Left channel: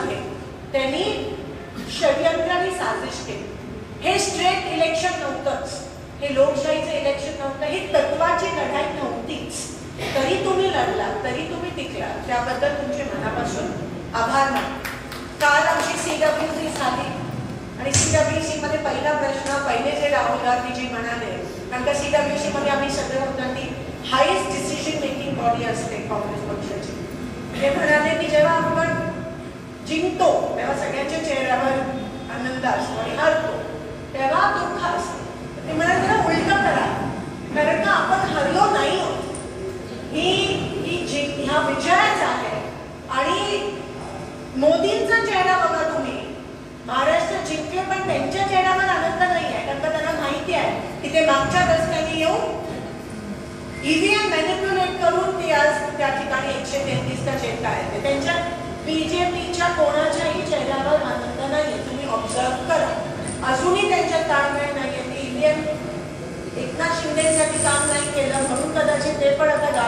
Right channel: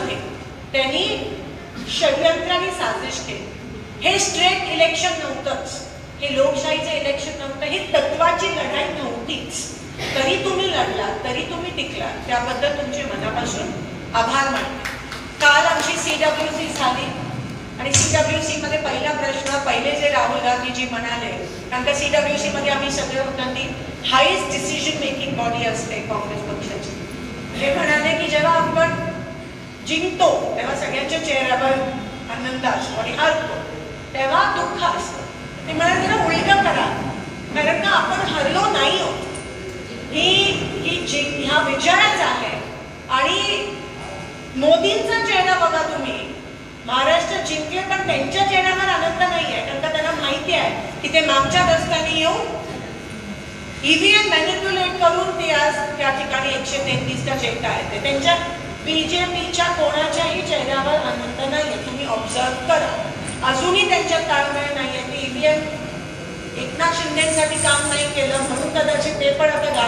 मध्ये त्यांनी षडयंत्र आणि साजिश केली. हे स्ट्रेट इलेक्शन नव्हतंच, हे लोकशाहीचं इलेक्शन नव्हतं, ही तत्वाची लढाई नव्हतीच. तरी तुम्ही लढलात, तरी तुम्ही टिकलात, त्याबद्दल तुमचे मनापासून आभार मानते. काल आमची CWC झाली आणि CWC मध्ये पहिला प्रश्न, पहिले जे राहुल गांधीजी म्हणाले, कारण का CWC मध्ये आम्ही सगळे होतो, ती हायेस्ट डिसिजन मेकिंग बॉडी असते काँग्रेस पक्षाची. ते म्हणाले की जेव्हा आपण जिंकतो तेव्हा सगळ्यांच्या चेहऱ्यावर आनंद असतो आणि हरतो तेव्हा दुःख असतं. ते म्हणाले जरा उलटं करा, कारण का आपण हरलो नाही आहोत, ह्या विजयाच आहे. आणि मोदींचा चेहरा बघा तुम्ही, महाराष्ट्र जिंकले पण त्यांच्या चेहऱ्यावर आनंद नाही आहे, कारण का त्यांना माहिती आहे की ते मागच्या दशकांनी येऊन EVM मॅनिप्युलेट करून ते आज त्या ठिकाणी 133चा झेंडा आहे. ते त्यांच्या BJPच्या कोणाच्याही चेहऱ्यावर आनंद नाहीये. तुम्ही ऑब्झर्व करा, अजूनही त्यांच्यात ताळमेळ नाहीये. EVM एकनाथ शिंदेसाठी काम नाही केलं म्हणून कदाचित ते पण आता